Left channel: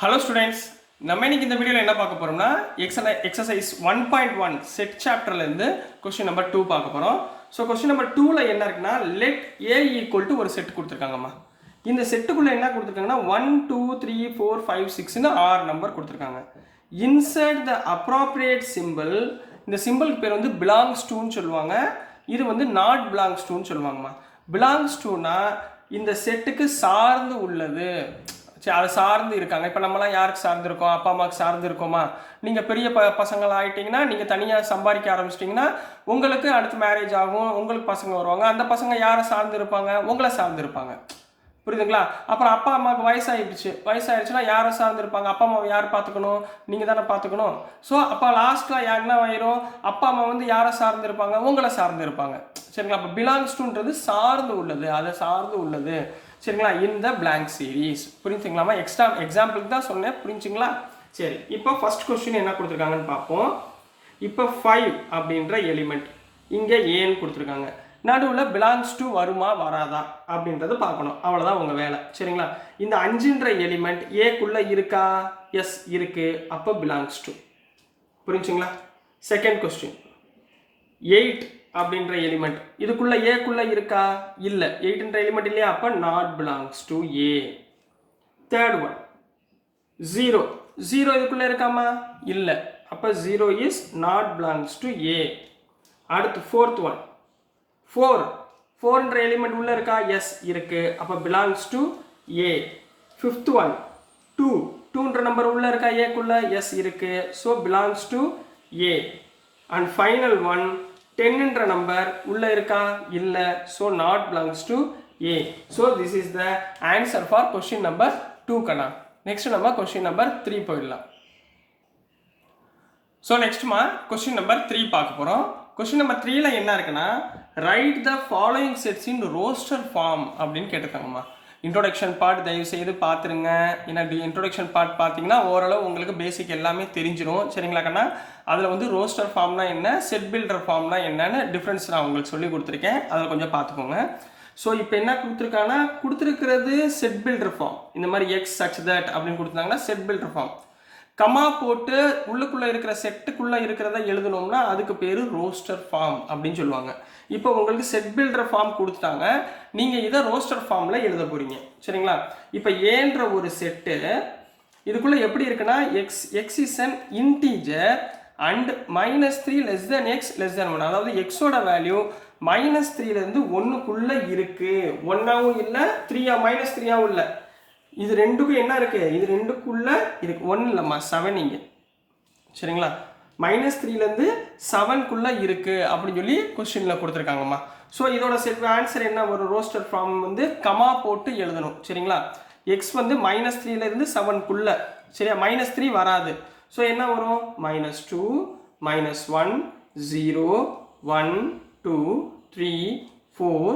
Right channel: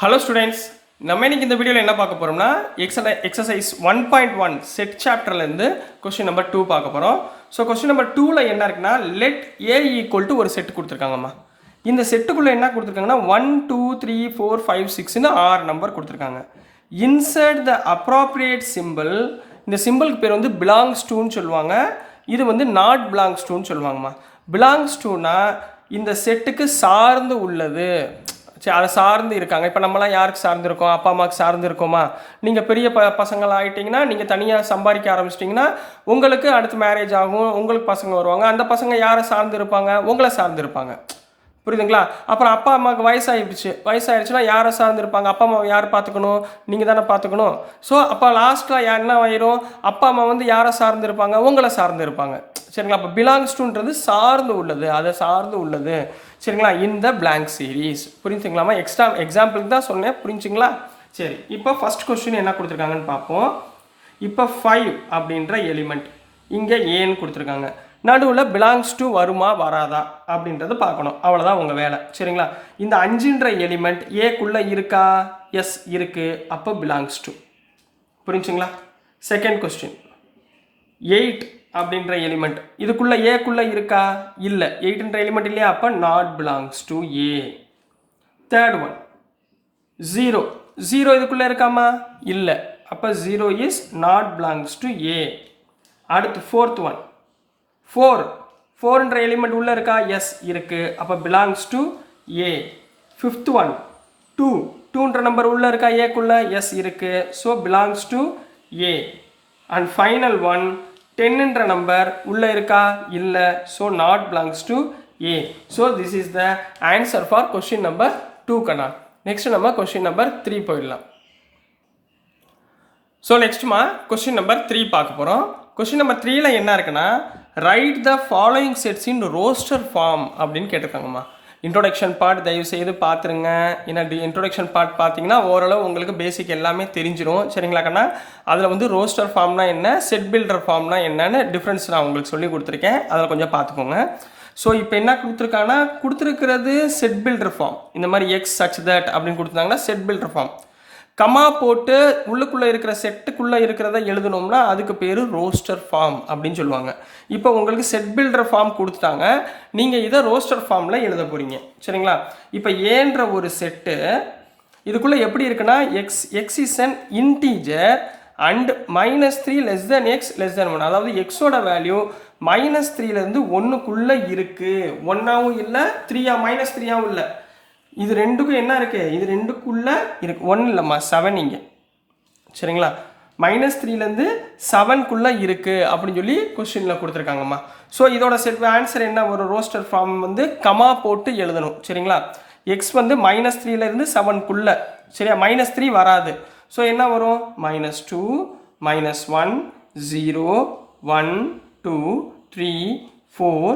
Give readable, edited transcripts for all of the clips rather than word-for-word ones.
Hello students, நம்ம இன்னைக்கு இந்த வீடியோவில் என்ன பார்க்க போகிறோம்னா எக்ஸசைஸ் 1.1 செட் சாப்டர்லேருந்து கொஸ்டின் நம்பர் 2 பார்க்க போகிறோம். ஸோ கொஸ்டின் நம்பர் 2ல் என்ன இருக்குன்னா, லெட் ஏ ஈக்குவல் டு ஒரு செட் கொடுத்துருக்காங்கம்மா. இந்த செட்டுக்குள்ளே என்ன கொடுத்துருக்காங்கன்னா 1 2 3 4 5 6ன்னு 6 நம்பர் கொடுத்துருக்காங்க. இன்சர்ட் த அப்ராப்ரியேட் சிம்பிள். இந்த சிம்பிளுக்கு பேர் வந்து பிலாங்ஸ் டூன்னு சொல்லுவாங்க. இது வந்து நாட் பிலாங்ஸ் டூன்னு சொல்லுவாங்கம்மா. பிலாங்ஸ் டூனா இந்த செட்டுக்கு சார்ந்து உள்ளது, சரி அதை சார்ந்து இருக்காங்க. இப்போ நம்மளாம் யாருக்கு சார்ந்து இருக்கோம்? அப்பா அம்மாவுக்கு சார்ந்து இருக்கோமா? நீங்கள் பெரிய பசங்களாக ஆகிட்டிங்கன்னா, நீங்கள் தனியாக சம்பாதிக்க ஆரம்பிச்சிட்டிங்கன்னா உங்களுக்கு அடுத்து மேரேஜ் ஆகும், உங்களுக்கு பசங்க வருவாங்க. அந்த பசங்க யாரை சார்ந்து இருப்பாங்க? உங்களை சார்ந்து இருப்பாங்க. புரியுதுங்களா? அப்புறம் அப்பா அம்மாவுக்கு வயசாகிடுச்சுன்னா யாரை சார்ந்து இருப்பாங்க? அப்பா அம்மாவை யார் பார்த்துக்கணும்? நீங்கள் தானே பார்த்துக்கணும். ஸோ அப்போ லாஸ்ட்டில் என்ன ஆயிரும்? அப்பா அம்மா வந்து யாரை சார்ந்து இருப்பாங்க? உங்களை சார்ந்து இருப்பாங்க. சரிங்களா? அப்போ பிலாங்ஸ் டுன்றது சார்ந்து உள்ளது, அதை சார்ந்து உள்ளது. சரிங்களா? இந்த பிளாங்க் சீரீஸ் புரிஞ்சுங்களாமா? எக்ஸாம்பிளுக்கு தான் சொன்னேன், புரிஞ்சுங்களா? சரி, இப்போ ஃபர்ஸ்ட் கொஸ்டின் என்ன கொடுத்துருக்காங்கன்னு பார்ப்போம். இப்போ 5 அப்படின்ற எலிமெண்ட் இங்கே ஏன்னு கொடுத்துருக்காங்க. நடுவில் பிலாங்ஸ் டு வருமா வராதா அப்படின்றது பார்க்கணும். அவ்வளோதான் உங்கள் வேலை. சரிங்களா? இந்த 5ன்ற எலிமெண்ட் ஏக்குள்ளே இருக்கா? எஸ் இருக்குது. அப்போ பிலாங்ஸ் டு. புரிஞ்சுங்களா? செகண்ட் கொஸ்டின் 8 அப்படின்ற எலிமெண்ட் இதுக்குள்ளே ஏக்குள்ளே இருக்கா? இல்லை. 8ன்ற எலிமெண்ட் இல்லையா? அப்போ not belongs to A. Third one 0 இதுக்குள்ளே இருக்காமா? இல்லை. அப்போ 0 இஸ் நாட் பிலாங்ஸ் டு ஏ. அடுத்து ஃபோர்த் ஒன் 4ன்ற எலிமெண்ட் உள்ளே இருக்கா? எஸ் இருக்குது. அப்போ belongs to A. Fifth one 2ன்ற நம்பர் உள்ளே இருக்கா? ஏக்குள்ளே? எஸ் இருக்குது. So belongs to A. And final one 10ன்ற நம்பர் உள்ளே இருக்கா? இல்லை. So not belongs to A. So this is the answer for question number 2 கண்ணா. நெக்ஸ்ட் நம்ம கொஸ்டின் நம்பர் 3 போயிடலாம். ஸோ நெக்ஸ்ட்மா கொஸ்டின் நம்பர் 3 பார்க்க போகிறோம். கொஸ்டின் நம்பர் 3ல என்ன இருக்குன்னா, write the following sets in roster form அப்படின்னு கேட்டிருக்காங்கம்மா. இன்ட்ரோடக்ஷன் பார்ட் தயவு செய்து பார்த்துருங்க. ஏன்னா இன்ட்ரோடக்ஷன் பார்ட் பார்த்தீங்கன்னா ஓரளவு உங்களுக்கு பேசிக் எல்லாமே தெரிஞ்சிடும். சரிங்களா கண்ணா? அதில் வந்து ரோஸ்டர் ஃபார்ம்னா என்ன, செட் பில்டர் ஃபார்ம்னா என்னன்னு டிஃப்ரென்ஸ் நான் உங்களுக்கு சொல்லி கொடுத்துருக்கேன். அதில் கொஞ்சம் பார்த்துக்கோங்க. ஸோ இப்போ என்ன கொடுத்துருக்காங்கன்னா, கொடுத்துருக்கிறது செட் பில்டர் ஃபார்ம். இந்த மாதிரி எக்ஸ் சச் தட் அப்படின்னு கொடுத்துருந்தாங்கன்னா செட் பில்டர் ஃபார்ம். கமா போட்டு உள்ளுக்குள்ளே இருக்கிற செட்டுக்குள்ளே இருக்கிறத எழுதணும்னா அதுக்கு பேர் ரோஸ்டர் ஃபார்ம் அப்படின்னு சொல்லுவாங்க. இப்போ உங்களுக்கு செட் பில்டர் ஃபார்ம் கொடுத்துட்டாங்க, நீங்கள் இதை ரோஸ்டர் ஃபார்மில் எழுத போகிறீங்க. சரிங்களா? இப்போ ஏன்ற ஒரு செட்டு இதுக்குள்ளே எப்படி இருக்குன்னா, X is an integer and -3 less than X less than 1. அதாவது எக்ஸோட வேல்யூ -3லேருந்து 1க்குள்ளே இருக்குது. 1ஆகவும் இல்லை, 3ஆகவும் இல்லை. இது ரெண்டுக்கும் என்ன இருக்குது? இது ரெண்டுக்குள்ளே இருக்குது. 1 இல்லைம்மா, 7 இங்கே. சரிங்களா? -3லேருந்து 7க்குள்ளே இருக்குது அப்படின்னு சொல்லி கொஸ்டினில் கொடுத்துருக்காங்கம்மா. ஸோ இதோட செட் ஆன்சர் என்ன? ஒரு ரோஸ்டர் ஃபார்ம் வந்து கமா போட்டு எழுதணும். சரிங்களா? எக்ஸ் வந்து -3லேருந்து 7க்குள்ளே. சரியா? -3 வராது. ஸோ என்ன வரும்? -2 -1 0 1 2 3 4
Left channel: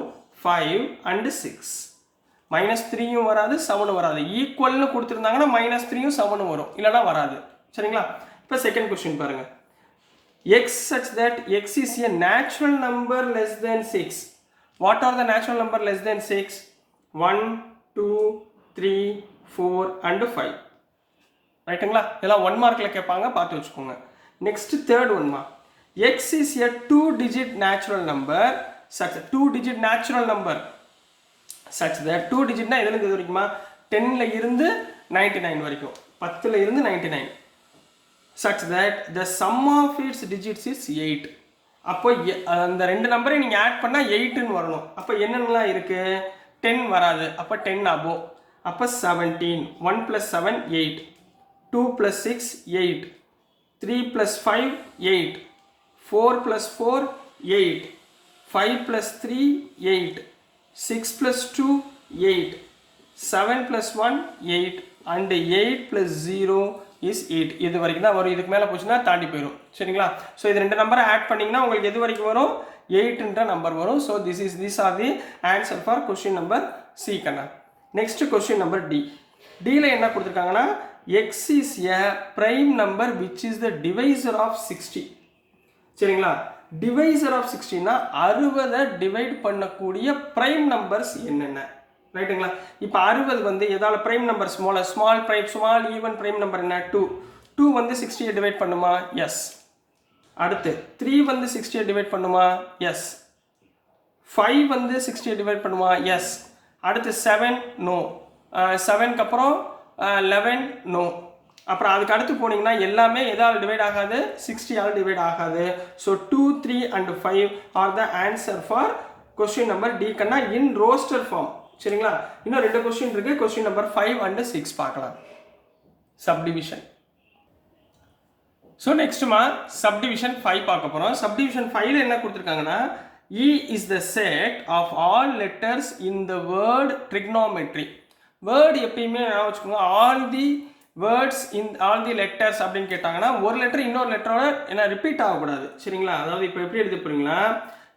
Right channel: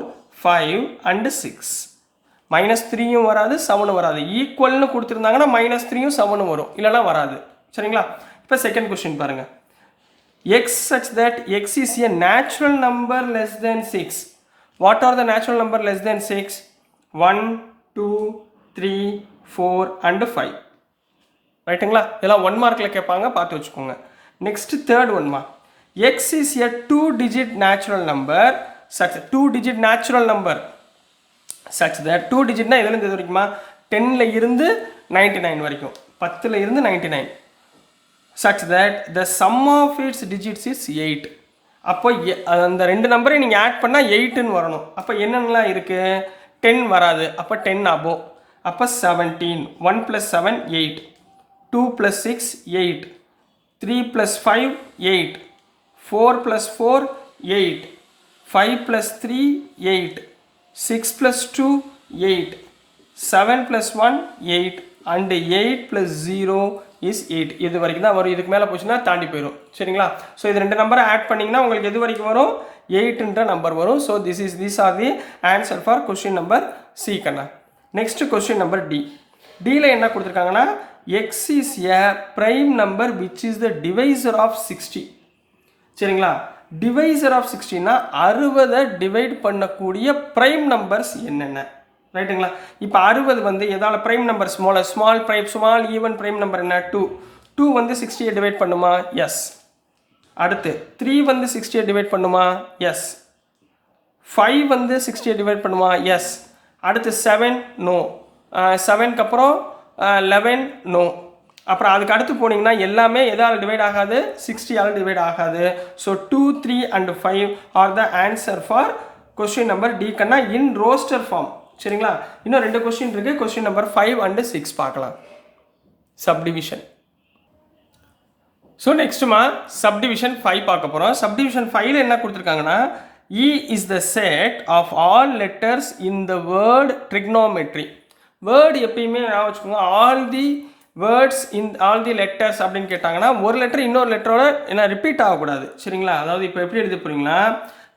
5 and 6. -3யும் வராது, 7ம் வராது. ஈக்குவல்னு கொடுத்துருந்தாங்கன்னா -3யும் 7ம் வரும், இல்லைனா வராது. சரிங்களா? இப்போ செகண்ட் கொஸ்டின் பாருங்க. X such that X is a natural number less than 6. What are the natural number less than 6? 1 2 3 4 and 5. ரைட்டுங்களா? இதெல்லாம் 1 மார்க்கில் கேட்பாங்க, பார்த்து வச்சுக்கோங்க. நெக்ஸ்ட் தேர்ட் ஒன்மா, x is a 2-digit natural number such 2-digit natural number such that 2 digitனா எதுலேருந்து எது வரைக்குமா? 10ல் இருந்து 99 வரைக்கும், 10ல் இருந்து 99. such that the sum of its digits is 8. அப்போ அந்த ரெண்டு நம்பரை நீங்கள் ஆட் பண்ணால் 8ன்னு வரணும். அப்போ என்னென்னலாம் இருக்குது? 10 வராது, அப்போ 10 above. அப்போ 17. 1 + 7 8, 2 + 6 8, 3 + 5 8, 4 + 4 8, 5 + 3 8, 6 + 2 8, 7 + 1 8 and 8 + 0 is 8. இது வரைக்கும் தான் வரும். இதுக்கு மேலே போச்சுன்னா தாண்டி போயிடும். சரிங்களா? ஸோ இது ரெண்டு நம்பரை ஆட் பண்ணிங்கன்னா உங்களுக்கு எது வரைக்கும் வரும்? 8ன்ற நம்பர் வரும். So these are the answer for question number C கண்ணா. Next question number D. Dல என்ன கொடுத்துருக்காங்கன்னா, x is a prime number which is the divisor of 60. சரிங்களா? டிவைசர் ஆஃப் 60னா 60 டிவைட் பண்ணக்கூடிய ப்ரைம் நம்பர்ஸ் என்னென்ன ரைட்டுங்களா? இப்போ 60 வந்து எதால prime number small even prime number என்ன 2 வந்து 60 டிவைட் பண்ணுமா? எஸ். அடுத்து 3 வந்து 60 டிவைட் பண்ணுமா? எஸ். 5 வந்து 60 டிவைட் பண்ணுமா? எஸ். அடுத்து 7 நோ. 7க்கு அப்புறம் 11 நோ. அப்புறம் அதுக்கு அடுத்து போனீங்கன்னா எல்லாமே எதால் டிவைட் ஆகாது? 60ஆல் டிவைட் ஆகாது. So 2, 3 and 5 are the answer for question number D கண்ணா இன் ரோஸ்டர் ஃபார்ம். சரிங்களா? இன்னும் 2 கொஸ்டின் இருக்கு. கொஸ்டின் நம்பர் 5 அண்ட் 6 பார்க்கலாம். சப்டிவிஷன். ஸோ நெக்ஸ்ட்டுமா சப்டிவிஷன் 5 பார்க்க போகிறோம். சப்டிவிஷன் 5ல என்ன கொடுத்துருக்காங்கன்னா E is the set of all letters in the word trigonometry. Word எப்பயுமே நான் வச்சுக்கோங்க all the words in all the letters அப்படின்னு கேட்டாங்கன்னா ஒரு லெட்டர் இன்னொரு லெட்டரோட என்ன ரிப்பீட் ஆகக்கூடாது. சரிங்களா? அதாவது இப்போ எப்படி எழுதி போறீங்களா?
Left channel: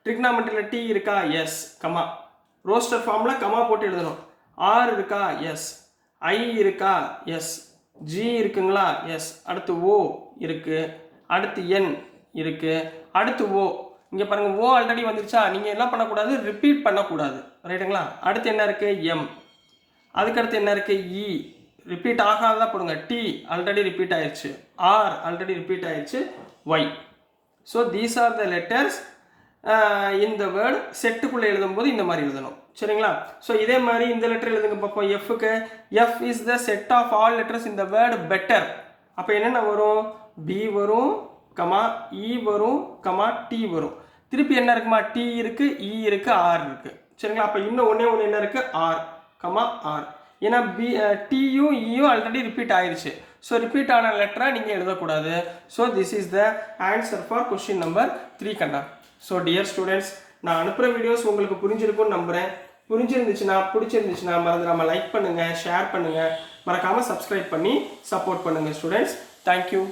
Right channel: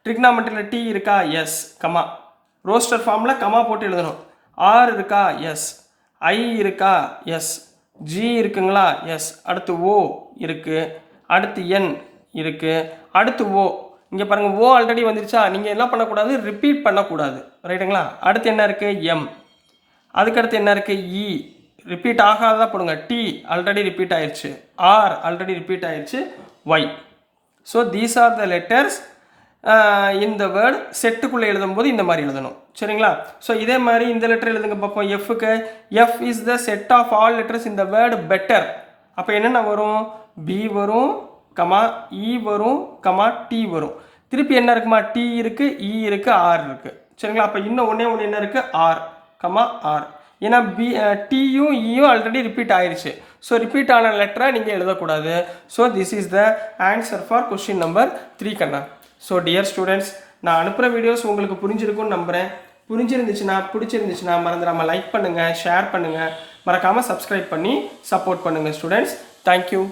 ட்ரிக்னாமெட்ரியில் டி இருக்கா? Yes comma. ரோஸ்டர் ஃபார்மில் கமா போட்டு எழுதணும். ஆர் இருக்கா? எஸ். ஐ இருக்கா? எஸ். ஜி இருக்குங்களா? எஸ். அடுத்து ஓ இருக்குது. அடுத்து என் இருக்குது. அடுத்து ஓ. இங்கே பாருங்கள் ஓ ஆல்ரெடி வந்துருச்சா? நீங்கள் என்ன பண்ணக்கூடாது? ரிப்பீட் பண்ணக்கூடாது. ரைட்டுங்களா? அடுத்து என்ன இருக்குது? எம். அதுக்கடுத்து என்ன இருக்குது? இ. ரிப்பீட் ஆகாதான் போடுங்க. டி ஆல்ரெடி ரிப்பீட் ஆயிடுச்சு. ஆர் ஆல்ரெடி ரிப்பீட் ஆயிடுச்சு. Y. So these are the letters இந்த வேர்டு செட்டுக்குள்ளே எழுதும்போது இந்த மாதிரி எழுதணும். சரிங்களா? ஸோ இதே மாதிரி இந்த லெட்டர் எழுதுங்க பார்ப்போம். எஃப்க்கு F is the set of all letters இந்த வேர்டு பெட்டர். அப்போ என்னென்ன வரும்? பி வரும் கமா இ வரும் கமா டி வரும். திருப்பி என்ன இருக்குமா? டி இருக்குது, இ இருக்குது, ஆர் இருக்குது. சரிங்களா? அப்போ இன்னும் ஒன்று என்ன இருக்குது? R comma R. ஏன்னா டியும் இயும் ஆல்ரெடி ரிப்பீட் ஆயிடுச்சு. ஸோ ரிப்பீட் ஆன லெட்டரை நீங்கள் எழுதக்கூடாது. So this is the answer for question number 3 கண்ணா. ஸோ டியர் ஸ்டூடெண்ட்ஸ், நான் அனுப்புகிற வீடியோஸ் உங்களுக்கு புரிஞ்சிருக்கும்னு நம்புகிறேன். பிடிச்சிருந்துச்சுன்னா மறந்துடாமல் லைக் பண்ணுங்கள், ஷேர் பண்ணுங்கள், மறக்காமல் சப்ஸ்கிரைப் பண்ணி சப்போர்ட் பண்ணுங்கள் ஸ்டூடெண்ட்ஸ். தேங்க்யூ.